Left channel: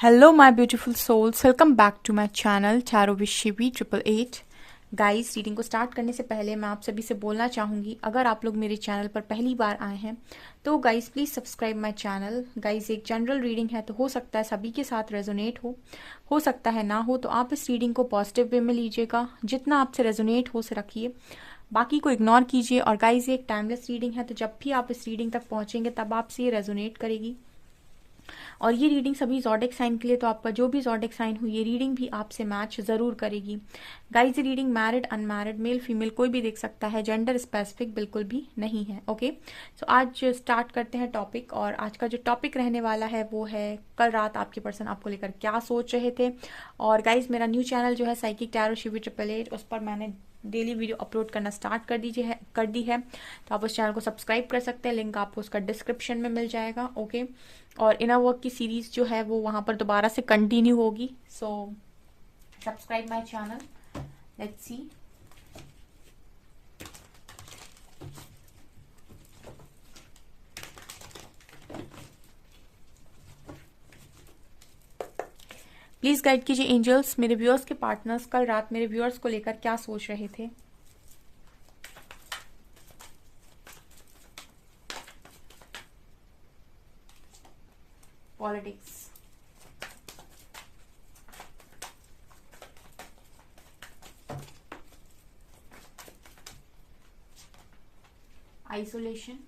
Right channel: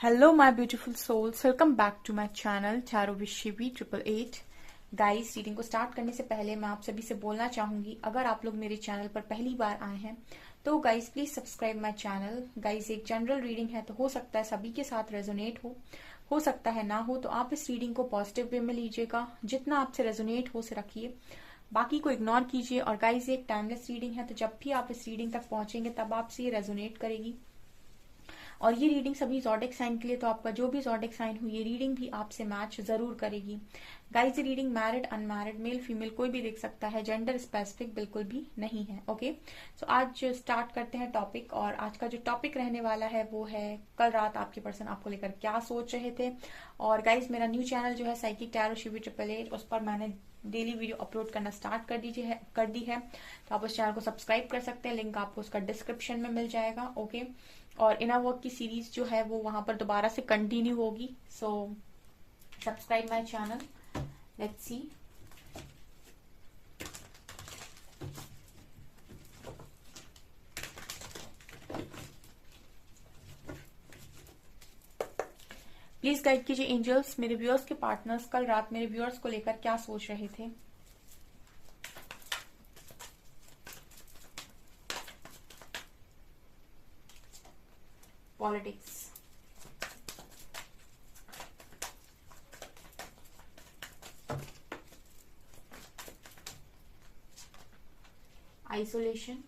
Hello my beautiful souls, welcome back to my channel चारों विशिवी 888। Guys, reading को start करने से पहले मैं आप सभी से बोलना चाहूँगी, अगर आप लोग मेरे चैनल पर पहली बार आए हैं तो guys please subscribe my channel. Guys, एक जनरल रीडिंग है तो हो सकता है सभी के साथ रेजोनेट हो सकता है ना हो, तो आप इस रीडिंग को पॉजिटिव वे में लीजिएगा, जितना आपसे रेजोनेट हो से रखिए, बाकी को इग्नोर कीजिए। और गाइस, ये एक टाइमलेस रीडिंग है, तो जब भी आप इस रीडिंग तक पहुंचेंगे तब आपसे ये रेजोनेट करेगी। और ये रीडिंग सभी ज़ोडिक साइन के लिए, तो आपका जो भी ज़ोडिक साइन हो ये रीडिंग भी आपसे मैच ज़रूर करेगी। गाइस, ये reading married unmarried male female कोई भी देख सकता है, जेंडर स्पेसिफिक बिल्कुल भी नहीं है। ओके, सो आज स्टार्ट करते हैं टॉपिक। और आज का जो टॉपिक रहने वाला है वो है कल रात आपके पर्सन आपको लेकर क्या सोच रहे थे। और गाइज, मेरा न्यू चैनल जो है साइकिक टैरो शिवी 888, उस पर मैंने डेली वीडियो अपलोड करना स्टार्ट कर दी है, तो आप उस चैनल को सब्सक्राइब कर सकते हैं, लिंक आपको उसका डिस्क्रिप्शन में मिल जाएगा। ओके, और इनर वर्क की सीरीज जो है वो वहां पर दोबारा से कंटिन्यू होगी। So subscribe my channel, let's see. Please guide कीजिए एंजल्स, मेरे व्यूअर्स के पार्टनर्स कल रात मेरे व्यूअर्स को लेकर क्या सोच रहे थे। Politics, isolation,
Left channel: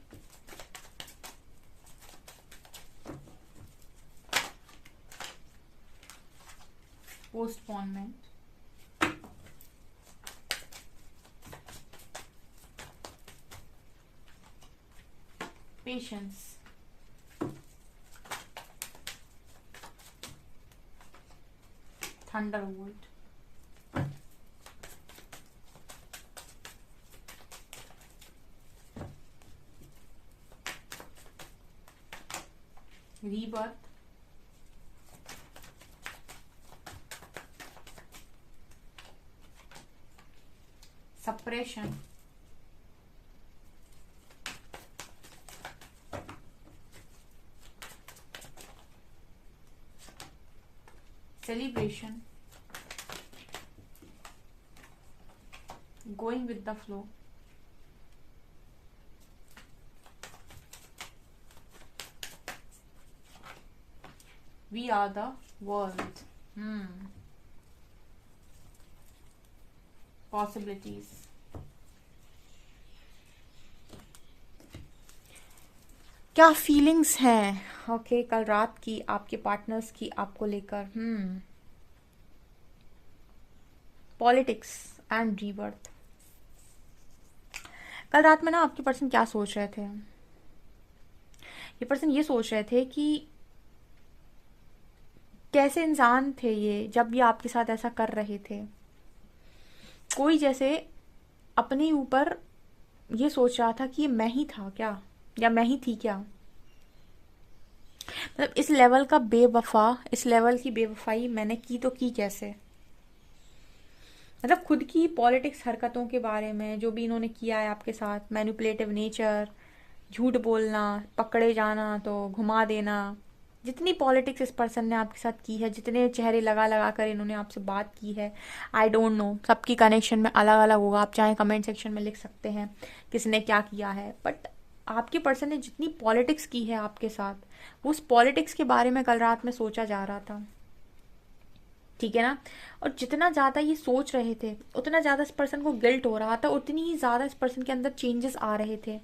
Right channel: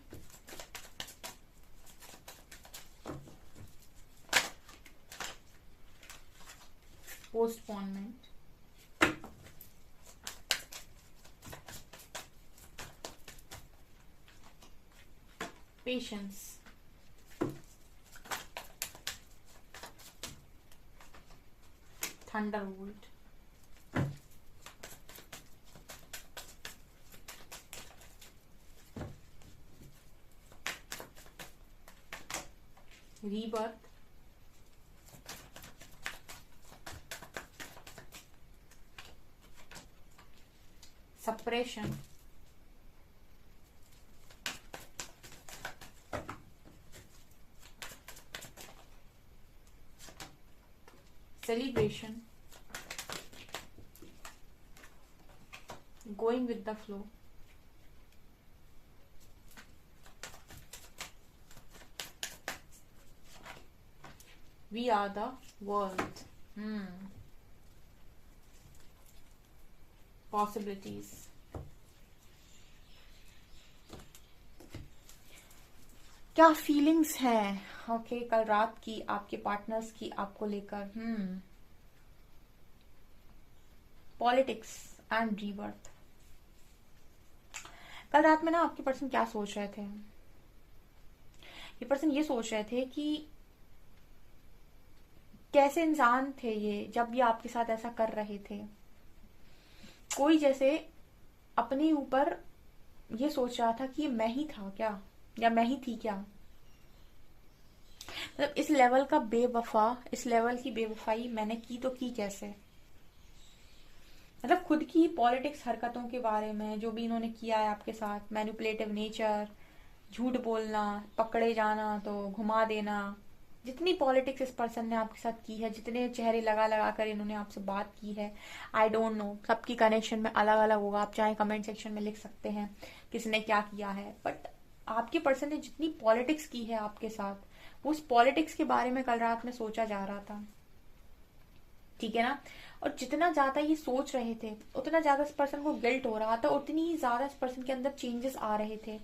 postponement, patience, Thunderbolt, rebirth, suppression, celebration, going with the flow, we are the world, possibilities। क्या फीलिंग्स हैं ओके कल रात की आपके पार्टनर्स की आपको लेकर। Politics and rebirth. कल रात में ना आपके पर्सन क्या सोच रहे थे, ये पर्सन ये सोच रहे थे कि कैसे इंसान थे ये जब ये आपके साथ ऐसा कर रहे थे। कोई जैसे अपने ऊपर ये सोच रहा था कि ये मैं ही था क्या, या मैं ही थी क्या। मतलब इस लेवल का बेवफा, इस लेवल की बेवफाई मैंने की तो की कैसे। मतलब खुद की पॉलिटिक्स हरकतों के बारे में जो भी इन्होंने किया है आपके साथ, मैनिपुलेटिव नेचर, झूठ बोलना, पकड़े जाना तो घुमा देना, जितनी पॉलिटिक्स इस पर्सन ने आपके साथ की है, जितने चेहरे लगा लगा कर इन्होंने आपसे बात की है, आई डोंट नो, सबकी कनेक्शन में अलग अलग होगा। आप चाहे कमेंट सेक्शन में लिख सकते हैं किसने क्या किया है, बट आपके पर्सन ने जितनी पॉलिटिक्स की है आपके साथ, उस पॉलिटिक्स के बारे में कल रात में सोचा जा रहा था, ठीक है ना। और जितना ज्यादा ये सोच रहे थे उतना ज्यादा इस पर्सन को गिल्ट हो रहा था, उतनी ही ज्यादा इस पर्सन के अंदर चेंजेस आ रहे थे।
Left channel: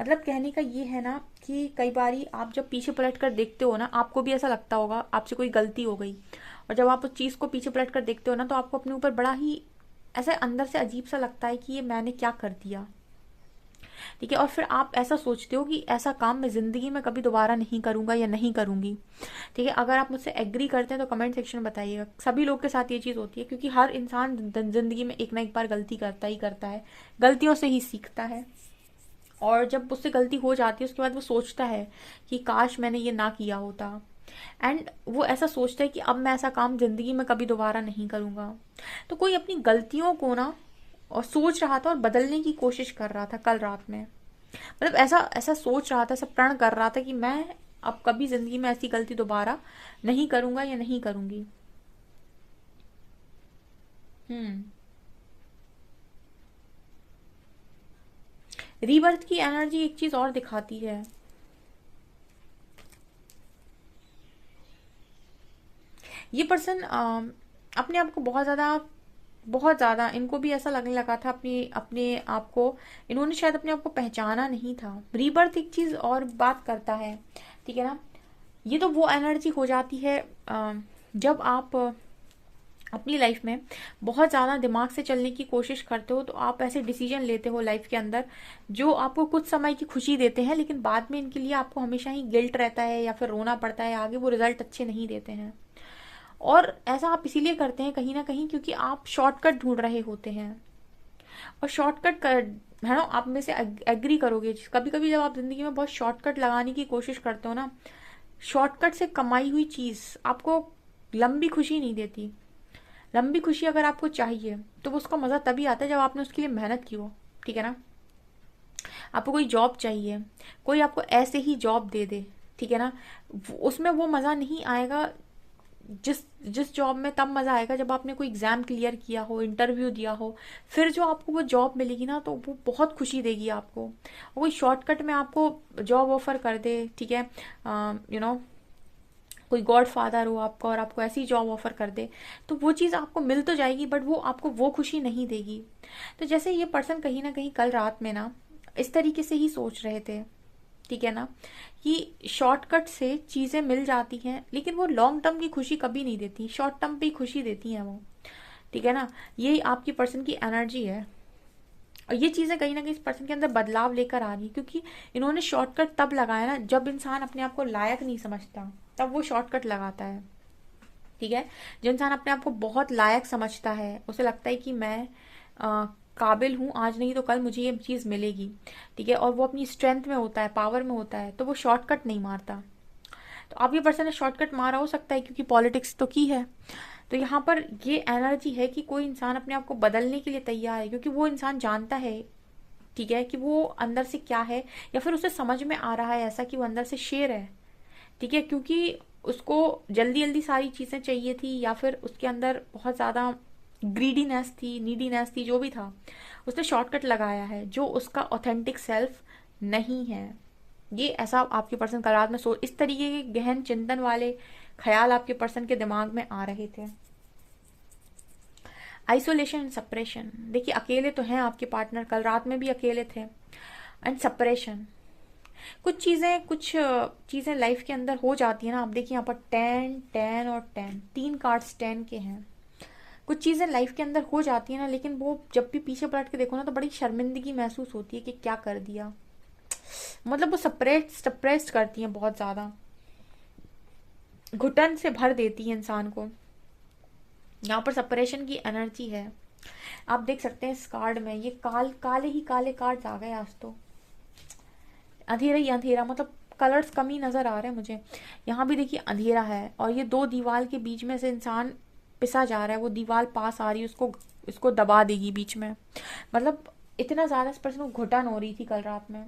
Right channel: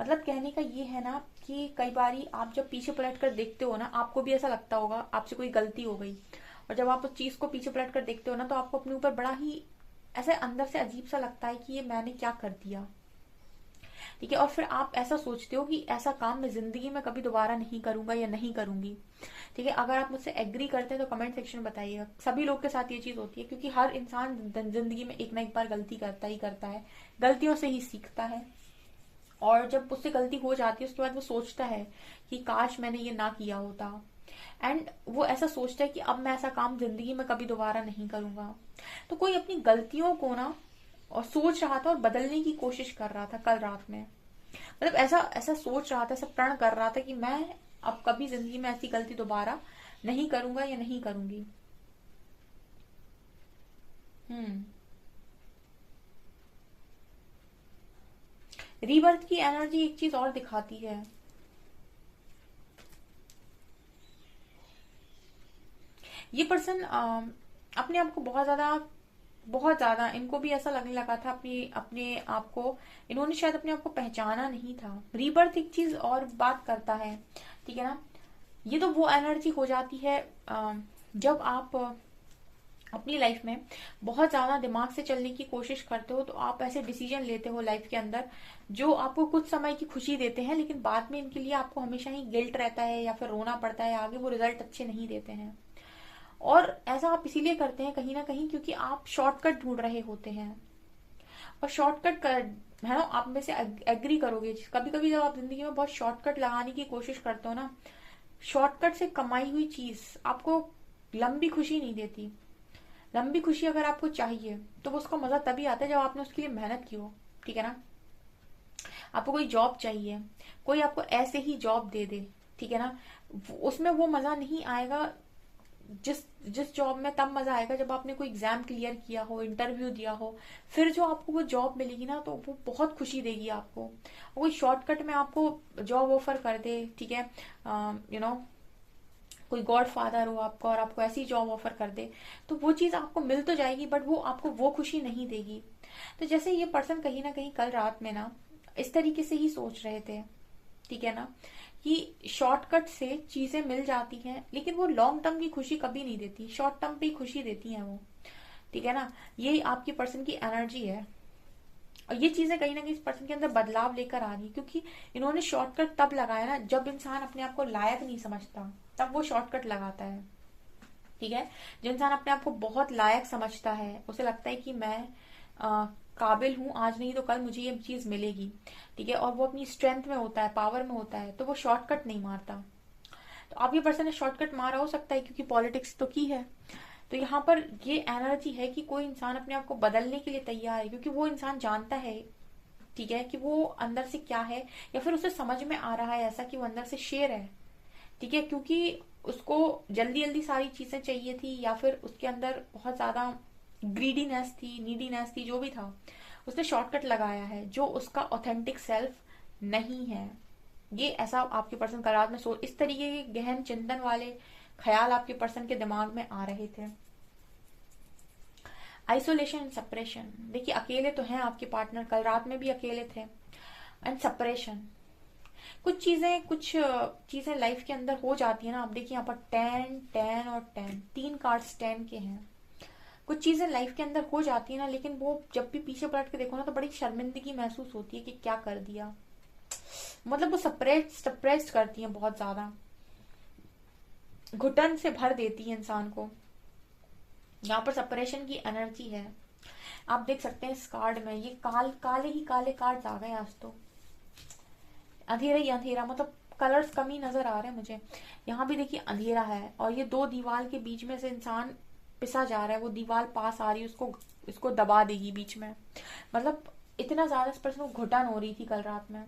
मतलब कहने का ये है ना कि कई बारी आप जब पीछे पलट कर देखते हो ना, आपको भी ऐसा लगता होगा आपसे कोई गलती हो गई, और जब आप उस चीज को पीछे पलट कर देखते हो ना तो आपको अपने ऊपर बड़ा ही ऐसे अंदर से अजीब सा लगता है कि ये मैंने क्या कर दिया, ठीक है। और फिर आप ऐसा सोचते हो कि ऐसा काम मैं जिंदगी में कभी दोबारा नहीं करूंगा या नहीं करूंगी, ठीक है। अगर आप मुझसे एग्री करते हैं तो कमेंट सेक्शन में बताइएगा। सभी लोग के साथ ये चीज होती है, क्योंकि हर इंसान जिंदगी में एक ना एक बार गलती करता ही करता है, गलतियों से ही सीखता है। और जब उससे गलती हो जाती है उसके बाद वो सोचता है कि काश मैंने ये ना किया होता, एंड वो ऐसा सोचता है कि अब मैं ऐसा काम जिंदगी में कभी दोबारा नहीं करूंगा। तो कोई अपनी गलतियों को ना और सोच रहा था और बदलने की कोशिश कर रहा था कल रात में। मतलब ऐसा ऐसा सोच रहा था, ऐसा प्रण कर रहा था कि मैं अब कभी जिंदगी में ऐसी गलती दोबारा नहीं करूंगा या नहीं करूंगी। हम्म। रीबर्थ की एनर्जी एक चीज और दिखाती है। ये पर्सन अपने आप को बहुत ज्यादा इनको भी ऐसा लगने लगा था अपने अपने आप को, इन्होंने शायद अपने आप को पहचाना नहीं था। रीबर्थ एक चीज और बात करता है, ठीक है ना। ये तो वो एनर्जी हो जाती है जब आप अपनी लाइफ में बहुत ज्यादा दिमाग से चलने की कोशिश करते हो, तो आप ऐसे डिसीजन लेते हो लाइफ के अंदर जो आपको कुछ समय की खुशी देते हैं, लेकिन बाद में इनके लिए आपको हमेशा ही गिल्ट रहता है या फिर रोना पड़ता है, आगे वो रिजल्ट अच्छे नहीं देते हैं। और ऐसा आप इसीलिए करते हैं कहीं ना कहीं क्योंकि आप शॉर्टकट ढूंढ रहे होते हैं। और शॉर्टकट कर, है ना, आप में से एग्री करोगे, कभी कभी जब आप जिंदगी में बहुत शॉर्टकट लगाने की कोशिश करते हो ना, शॉर्टकट से कमाई हुई चीज आपको लंबी खुशी नहीं देती। लंबी खुशी अगर आपको चाहिए तो उसका मजा तभी आता है जब आपने उसके लिए मेहनत की हो, ठीक है ना। आपको कोई जॉब चाहिए, कोई आपको ऐसे ही जॉब दे दे, ठीक है ना, उसमें वो मजा नहीं आएगा। जिस जिस जॉब में तब मजा आएगा जब आपने कोई एग्जाम क्लियर किया हो, इंटरव्यू दिया हो, फिर जो आपको वो जॉब मिलेगी ना, तो वो बहुत खुशी देगी आपको। कोई शॉर्टकट में आपको जॉब ऑफर कर दे, ठीक है, यू नो, कोई गॉड फादर हो आपका और आपको ऐसी जॉब ऑफर कर दे, तो वो चीज आपको मिल तो जाएगी बट वो आपको वो खुशी नहीं देगी। तो जैसे ये पर्सन कहीं ना कहीं कल रात में ना इस तरीके से ही सोच रहे थे, ठीक है ना, कि शॉर्टकट से चीजें मिल जाती हैं लेकिन वो लॉन्ग टर्म की खुशी कभी नहीं देती, शॉर्ट टर्म पे ही खुशी देती हैं वो, ठीक है ना। ये आपकी पर्सन की एनर्जी है। और ये चीजें कहीं ना कहीं इस पर्सन के अंदर बदलाव लेकर आ रही, क्योंकि इन्होंने शॉर्टकट तब लगाया ना जब इंसान अपने आप को लायक नहीं समझता, तब वो शॉर्टकट लगाता है, ठीक है। जो इंसान अपने आप को बहुत लायक समझता है, उसे लगता है कि मैं काबिल हूं, आज नहीं तो कल मुझे ये चीज मिलेगी, ठीक है, और वो अपनी स्ट्रेंथ में होता है, पावर में होता है, तो वो शॉर्टकट नहीं मारता। तो अब ये पर्सन ने शॉर्टकट मारा हो सकता है क्योंकि पॉलिटिक्स तो की है। तो यहाँ पर ये एनर्जी है कि कोई इंसान अपने आप को बदलने के लिए तैयार है, क्योंकि वो इंसान जानता है, ठीक है, कि वो अंदर से क्या है, या फिर उसे समझ में आ रहा है ऐसा कि वो अंदर से शेर है, ठीक है, क्योंकि उसको जल्दी जल्दी सारी चीजें चाहिए थी, या फिर उसके अंदर बहुत ज्यादा ग्रीडीनेस थी, नीडीनेस थी, जो भी था, उसने शॉर्टकट लगाया है जो उसका ऑथेंटिक सेल्फ नहीं है। ये ऐसा आपके पर्सन का रात में इस तरीके के गहन चिंतन वाले ख्याल आपके पर्सन के दिमाग में आ रहे थे। आइसोलेशन एंड सेपरेशन, देखिए अकेले तो हैं आपके पार्टनर, कल रात में भी अकेले थे। एंड सेपरेशन, कुछ चीजें लाइफ के अंदर हो जाती है ना। आप देखिए यहाँ पर 10 10 और 10, तीन कार्ड्स 10 के हैं। कुछ चीजें लाइफ के अंदर हो जाती है ना, लेकिन वो जब भी पीछे पलट के देखो ना तो बड़ी शर्मिंदगी महसूस होती है कि क्या कर दिया। मतलब वो सप्रेस्ड करती है, बहुत ज्यादा घुटन से भर देती है इंसान को। यहाँ पर सेपरेशन की एनर्जी है। आप देख सकते हैं इस कार्ड में ये काले ही काले कार्ड्स आ गए आज तो, अंधेरा ही अंधेरा, मतलब कलर्स कम ही नजर आ रहे हैं मुझे। यहाँ भी देखिए अंधेरा है और ये दो दीवार के बीच में से इंसान पिसा जा रहा है, वो दीवार पास आ रही है, उसको दबा देगी बीच में। मतलब इतना ज्यादा इस पर्सन को घुटन हो रही थी कल रात में।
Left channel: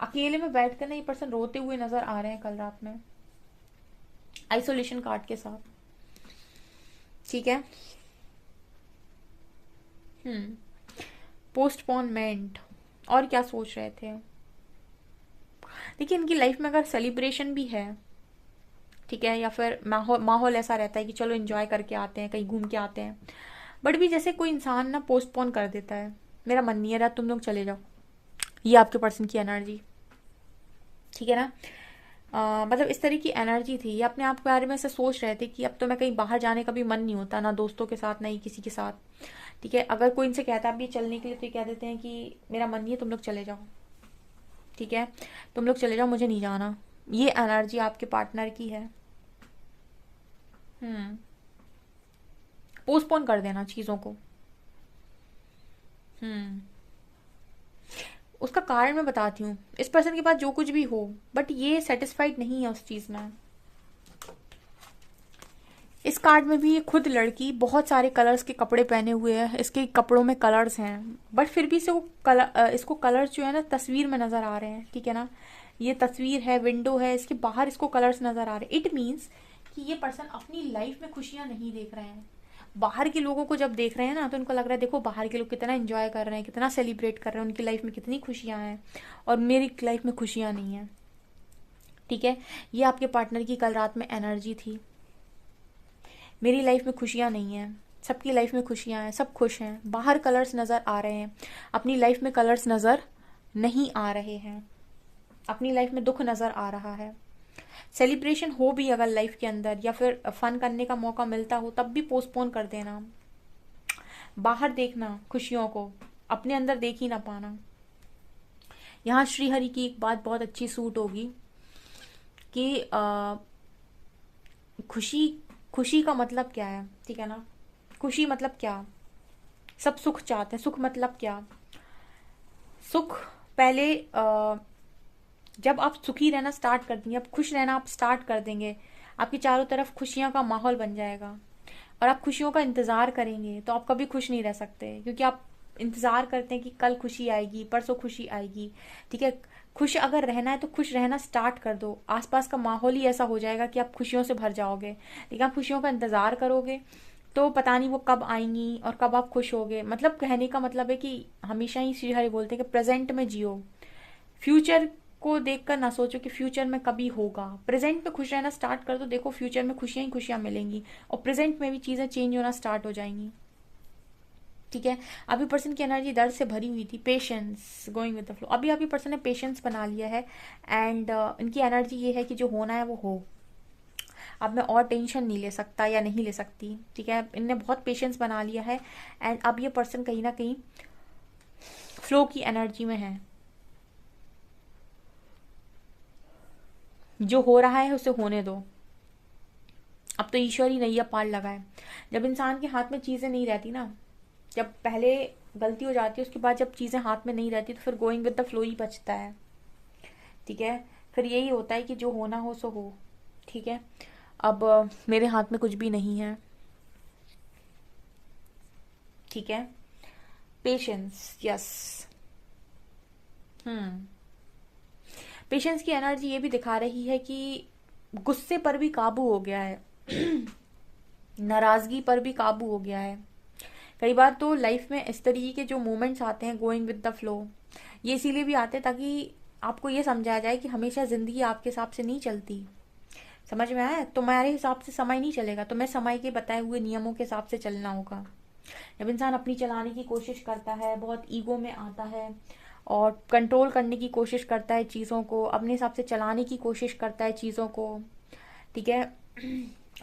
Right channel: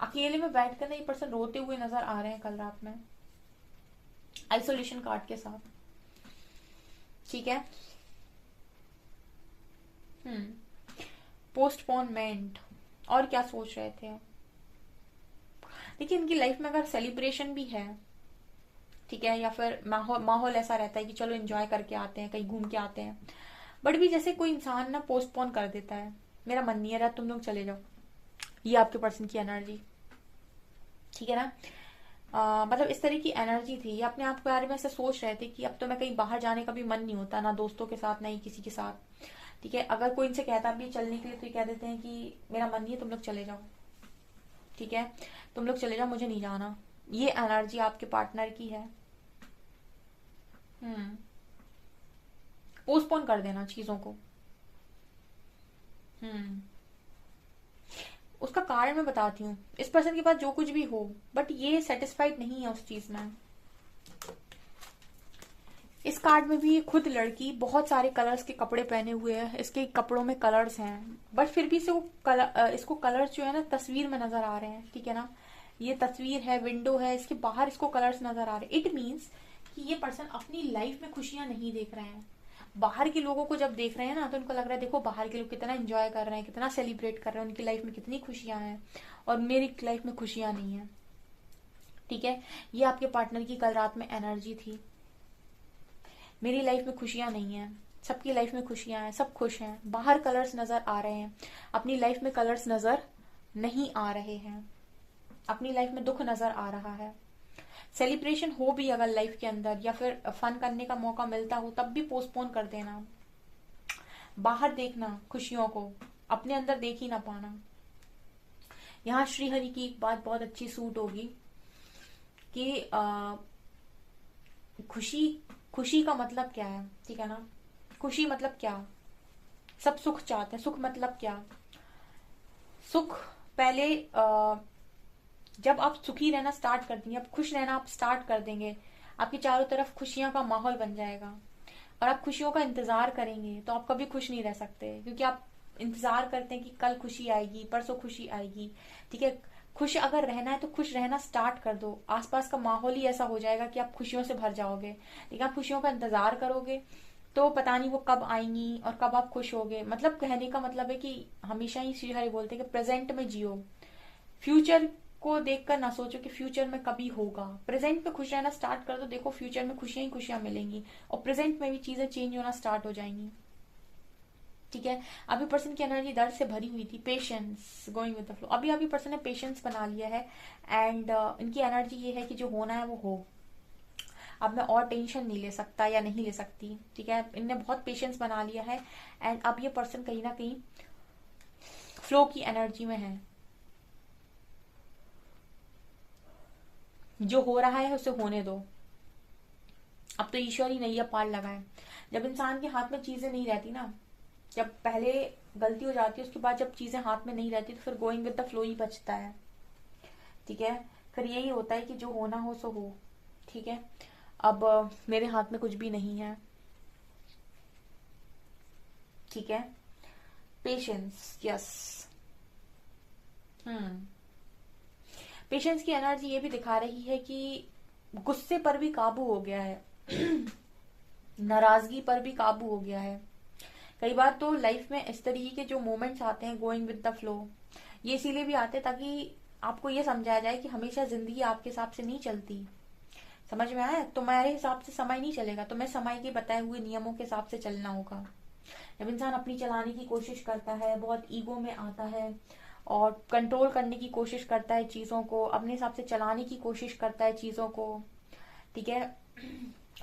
अकेले में बैठकर ना ये पर्सन रोते हुए नजर आ रहे हैं कल रात में, आइसोलेशन कार्ड के साथ, ठीक है। पोस्टपोनमेंट, और क्या सोच रहे थे। देखिए इनकी लाइफ में अगर सेलिब्रेशन भी है, ठीक है, या फिर माहौल ऐसा रहता है कि चलो एंजॉय करके आते हैं, कहीं घूम के आते हैं, बट भी जैसे कोई इंसान ना पोस्टपोन कर देता है, मेरा मन नहीं है रहा, तुम लोग चले जाओ। ये आपके पर्सन की एनर्जी, ठीक है ना। मतलब इस तरह की एनर्जी थी। ये अपने आप के बारे में ऐसे सोच रहे थे कि अब तो मैं कहीं बाहर जाने का भी मन नहीं होता, ना दोस्तों के साथ, ना ही किसी के साथ, ठीक है। अगर कोई इनसे कहता भी चलने के लिए तो ये कह देते हैं कि मेरा मन नहीं है, तुम लोग चले जाओ, ठीक है, तुम लोग चले जाओ, मुझे नहीं जाना। ये एनर्जी आपके पार्टनर की है। पोस्टपोन कर देना चीजों को। हम्म उसका कारण मैं बताती हूँ। इस पर्सन के पास जो कुछ भी हो, बट ये सेटिस्फाइड नहीं है उस चीज में। इस कार्ड में भी ये खुद लड़की बहुत सारे कलर्स के कपड़े पहने हुए है, इसके कपड़ों में कलर्स हैं, बट फिर भी से वो इसको कलर्स जो है ना तस्वीर में नजर आ रहे हैं, ठीक है ना। ये तस्वीर है, विंडो है, इसके बाहर इसको कलर्स नजर आ रहे। इट मीन्स कि ये पर्सन अपनी लाइफ में खुशियां नहीं देख रहे हैं। बाहर के लोगों को जब देख रहे हैं ना, तो उनको लग रहा है देखो बाहर के लोग कितना एंजॉय कर रहे हैं, कितना सेलिब्रेट कर रहे हैं, उनकी लाइफ में कितनी खुशियां हैं और मेरी लाइफ में खुशियां नहीं है। ठीक है, ये आपके पार्टनर की कल रात में एनर्जी थी। मेरी लाइफ में खुशियां नहीं है, सबकी लाइफ में खुशियां हैं, सब खुश हैं, बाहर कलर्स नजर आ रहे हैं, अपनी लाइफ में कलर्स नजर नहीं आ रहे हैं, अपनी लाइफ में दुख नजर आ रहा है। सेलिब्रेशन हो भी अगर लाइफ के अंदर या फिर फन करने का मौका मिलता हो तब भी पोस्टपोन कर देना। बाहर देखना खुशियों को, अपने अंदर देख ही ना पाना। यहाँ श्रीहरि की एक बात बहुत अच्छी सूट होगी कि खुशी, खुशी का मतलब क्या है, ठीक है ना। खुशी मतलब क्या, सब सुख चाहते हैं, सुख मतलब क्या। सुख पहले जब आप सुखी रहना स्टार्ट कर देंगे, आप खुश रहना आप स्टार्ट कर देंगे, आपके चारों तरफ खुशियां का माहौल बन जाएगा और आप खुशियों का इंतजार करेंगे, तो आप कभी खुश नहीं रह सकते, क्योंकि आप इंतजार करते हैं कि कल खुशी आएगी, परसों खुशी आएगी। ठीक है, खुश अगर रहना है तो खुश रहना स्टार्ट कर दो, आसपास का माहौल ही ऐसा हो जाएगा कि आप खुशियों से भर जाओगे। लेकिन आप खुशियों का इंतजार करोगे तो पता नहीं वो कब आएंगी और कब आप खुश होगे। मतलब कहने का मतलब है कि हमेशा ही श्री हरि बोलते हैं कि प्रेजेंट में जियो, फ्यूचर को देखकर ना सोचो कि फ्यूचर में कभी होगा। प्रेजेंट में खुश रहना स्टार्ट कर दो, देखो फ्यूचर में खुशियां ही खुशियां मिलेंगी और प्रेजेंट में भी चीजें चेंज होना स्टार्ट हो जाएंगी। ठीक है, अभी पर्सन की एनर्जी दर्द से भरी हुई थी, patience, going with the flow. अभी अभी पर्सन ने पेशेंस बना लिया है एंड इनकी एनर्जी ये है कि जो होना है वो हो, अब मैं और टेंशन नहीं ले सकता या नहीं ले सकती। ठीक है, इनने बहुत पेशेंस बना लिया है एंड अब ये पर्सन कहीं ना कहीं फ्लो की एनर्जी में है। जो हो रहा है उसे होने दो, अब तो ईश्वर ही नैया पार लगाए। जब इंसान के हाथ में चीजें नहीं रहती ना, जब पहले गलती हो जाती है उसके बाद जब चीजें हाथ में नहीं रहती तो फिर गोइंग विद द फ्लो ही बचता है। ठीक है, फिर यही होता है कि जो होना हो सो हो। ठीक है, अब मेरे हाथ में कुछ भी नहीं है। ठीक है, पेशेंस, यस। पेशेंस की एनर्जी ये भी दिखा रही है कि गुस्से पर भी काबू हो गया है नाराजगी पर भी काबू हो गया है। कई बार तो लाइफ में इस तरीके के जो मोमेंट्स आते हैं गोइंग विद द फ्लो, ये इसीलिए भी आते हैं ताकि आपको ये समझाया जाए कि हमेशा जिंदगी आपके हिसाब से नहीं चलती। समझ में आया, तुम्हारे हिसाब से समय नहीं चलेगा, तुम्हें समय के बताए हुए नियमों के हिसाब से चलना होगा। जब इंसान अपनी चलाने की कोशिश करता है, बहुत ईगो में आता है और कंट्रोल करने की कोशिश करता है चीजों को, अपने हिसाब से चलाने की कोशिश करता है चीजों को, ठीक है,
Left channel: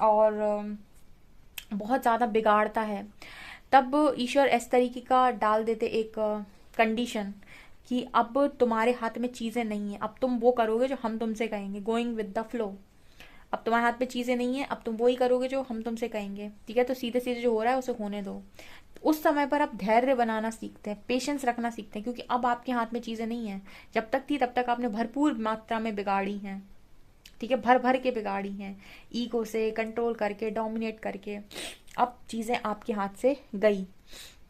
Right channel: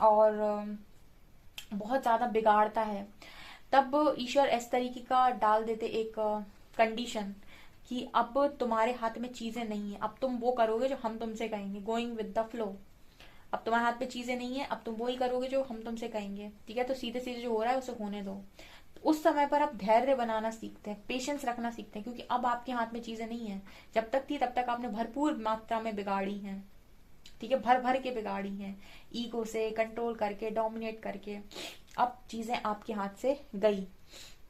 और बहुत ज्यादा बिगाड़ता है, तब ईश्वर इस तरीके का डाल देते एक कंडीशन कि अब तुम्हारे हाथ में चीजें नहीं है, अब तुम वो करोगे जो हम तुमसे कहेंगे, गोइंग विद द फ्लो। अब तुम्हारे हाथ में चीजें नहीं है, अब तुम वो ही करोगे जो हम तुमसे कहेंगे। ठीक है, तो सीधे सीधे जो हो रहा है उसे होने दो। उस समय पर आप धैर्य बनाना सीखते हैं, पेशेंस रखना सीखते हैं, क्योंकि अब आपके हाथ में चीजें नहीं है। जब तक थी तब तक आपने भरपूर मात्रा में बिगाड़ी हैं। ठीक है, भर भर के बिगाड़ी हैं, ईगो से कंट्रोल करके, डोमिनेट करके। अब चीजें आपके हाथ से गई।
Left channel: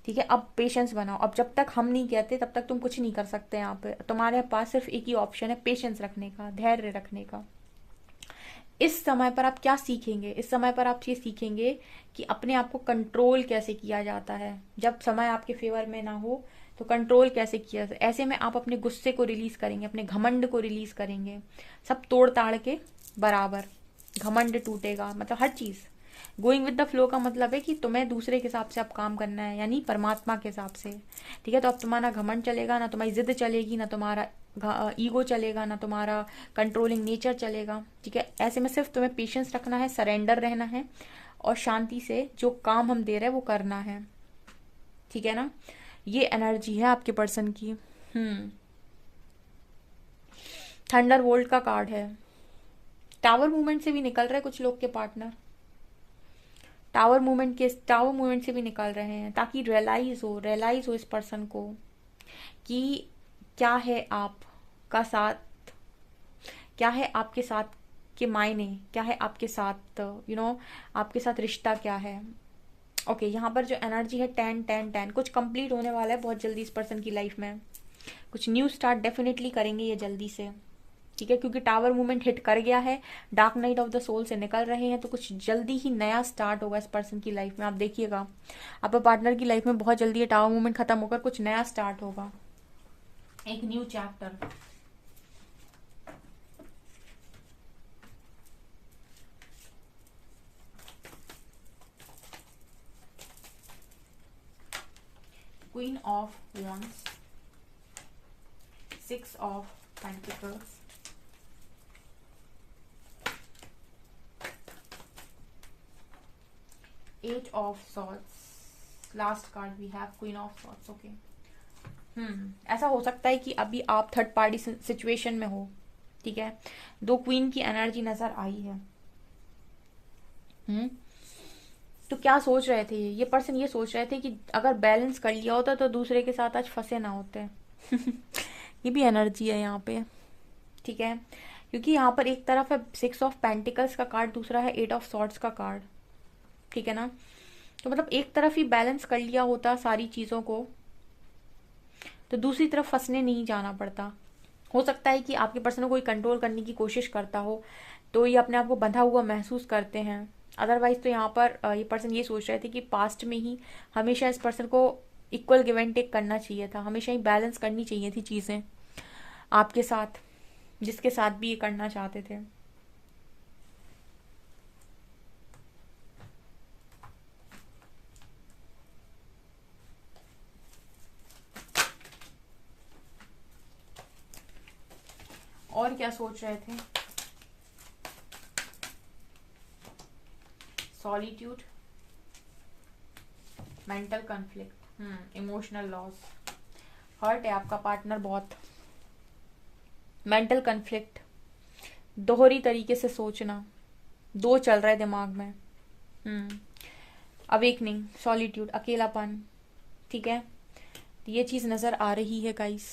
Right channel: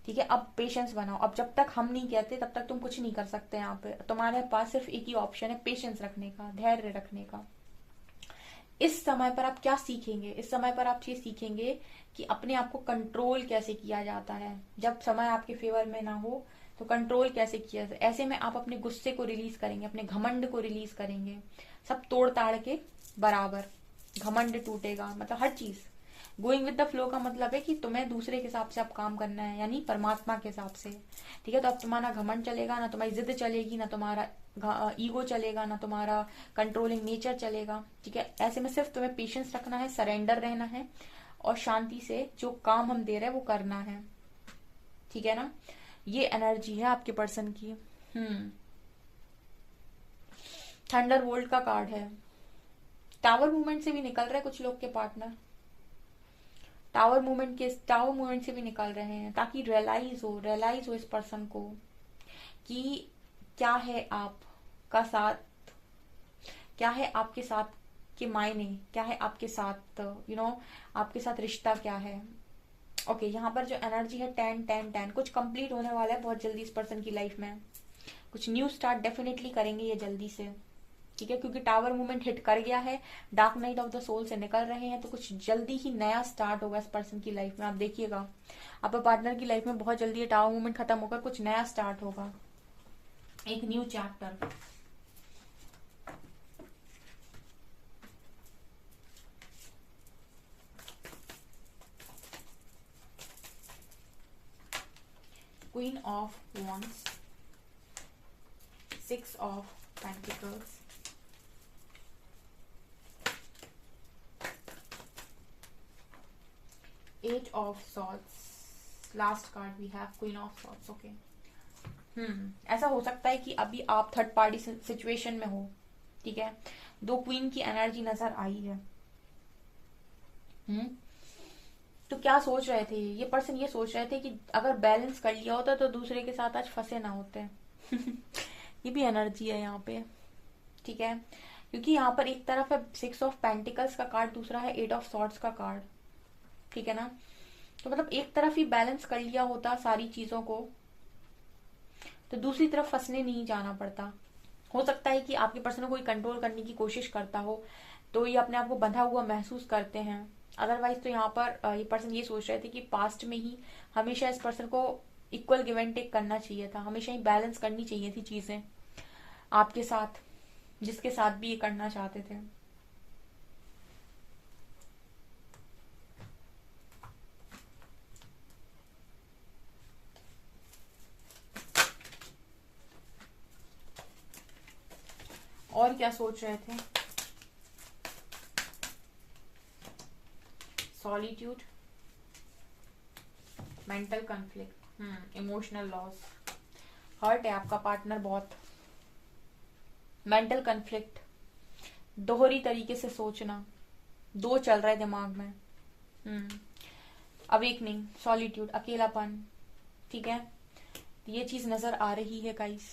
ठीक है, अब पेशेंस बनाओ। अब जब तक हम नहीं कहते तब तक तुम कुछ नहीं कर सकते। यहाँ पे तुम्हारे पास सिर्फ एक ही ऑप्शन है, पेशेंस रखने का, धैर्य रखने का। इस समय पर आप क्या सीखेंगे, इस समय पर आप ये सीखेंगे कि अपने आप को कंट्रोल कैसे किया जाता है। जब समय आपके फेवर में ना हो तो कंट्रोल कैसे किया जाए। ऐसे में आप अपने गुस्से को रिलीज करेंगे, अपने घमंड को रिलीज करेंगे, सब तोड़ ताड़ के बराबर। घमंड टूटेगा, मतलब हर चीज। गोइंग विद द फ्लो का मतलब है कि तुम्हें दूसरे के हिसाब से अब काम करना है, यानी परमात्मा के हिसाब से। ठीक है, तो अब तुम्हारा घमंड चलेगा ना, तुम्हारी जिद चलेगी ना, तुम्हारा ईगो चलेगा ना, तुम्हारा कंट्रोलिंग नेचर चलेगा। ठीक है, ऐसे में सिर्फ तुम्हें पेशेंस रखना है, सरेंडर रहना है और शांति से जो काम हम दे रहे हैं वो करना है। ठीक है ना, ये एनर्जी है आपके पर्सन की। थंडर वोल्ट का कार्ड है। टावर मूवमेंट से भी निकल रहा है कुछ लोग के पार्टनर, टावर मूवमेंट से भी निकल रहे हैं, ताकि रियलाइज हो इस पर्सन को कि क्या है आपका साथ, क्या है आपके साथ के मायने, क्या है आपके साथ आपके साथ रिश्ता क्या है। ओके, यहाँ पर जो एनर्जी है 10-10-10, कुछ कंप्लीट होने वाला है बहुत जल्दी इस पर्सन की लाइफ में। कुछ न्यू स्टार्ट डेफिनेटली करेंगे ये जल्दी से। ठीक है, क्योंकि टावर मूवमेंट हिट कर गया है, dark night of the soul से निकल रहे हैं, तो कुछ जल्दी ही नया स्टार्ट होगा इस पर्सन की लाइफ में। आप देखिएगा आपके पार्टनर की लाइफ में बहुत जल्दी ये टावर मूवमेंट खत्म होकर कुछ नया स्टार्ट होगा, एक new chapter. Queen of wands, 6 of pentacles, eight of swords, last card we have queen of swords. Okay, ऐसा हो सकता है कि अभी आप थर्ड पार्टी सिचुएशन में हो, ठीक है। दो क्वीन की एनर्जी नजर आई है। तो क्या सोच रहे थे ये पर्सन? ये सोच रहे थे कि अगर बैलेंस कर लिया होता तो दूसरे के साथ आज फंसे ना होते। ये भी एनर्जी है यहाँ पे, ठीक है, क्योंकि यहाँ पर एक तरफ है 6 ऑफ पेंटिकल्स का कार्ड, दूसरा है 8 ऑफ सॉर्ड्स का कार्ड, ठीक है ना। तो मतलब एक तरफ ही बैलेंस कर लिया होता सारी चीजों को तो दूसरी तरफ फंसने नहीं जाना पड़ता। हो सकता है कि आपके पर्सन को कोई कंट्रोल करने की कोशिश करता हो तो ये अपने आप को बंधा हुआ महसूस करते हैं। अदरवाइज तो यहाँ पर ये पर्सन ये सोच रहे थे कि पास्ट में ही हमेशा इस पर्सन को इक्वल गिव एंड टेक करना चाहिए था, हमेशा ही बैलेंस करनी चाहिए थी चीजें आपके साथ, जिसके साथ भी ये करना चाहते थे। और क्या सोच रहे थे? Solitude, mental conflict, emotional loss, hurt है आपका पार्टनर बहुत, मेंटल कॉन्फ्लिक्ट, दोहरी तरीके से सोचना, दो चल रहे दिमाग में, अवेकनिंग, सॉलिट्यूड, अकेलापन, ठीक है। ये चीज नजर आ रही है गाइस।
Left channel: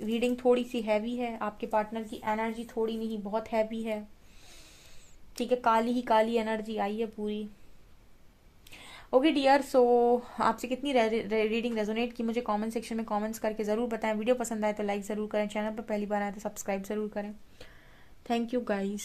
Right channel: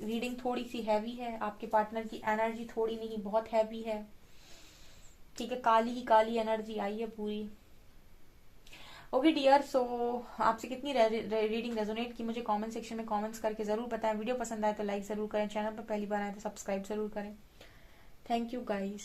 रीडिंग थोड़ी सी हैवी है, आपके पार्टनर की एनर्जी थोड़ी नहीं बहुत हैवी है, ठीक है, काली ही काली एनर्जी आई है पूरी। ओके डियर, सो आपसे कितनी रीडिंग रेजोनेट की मुझे कमेंट सेक्शन में कमेंट्स करके जरूर बताएं। वीडियो पसंद आए तो लाइक जरूर करें, चैनल पर पहली बार आए तो सब्सक्राइब जरूर करें। Thank you guys.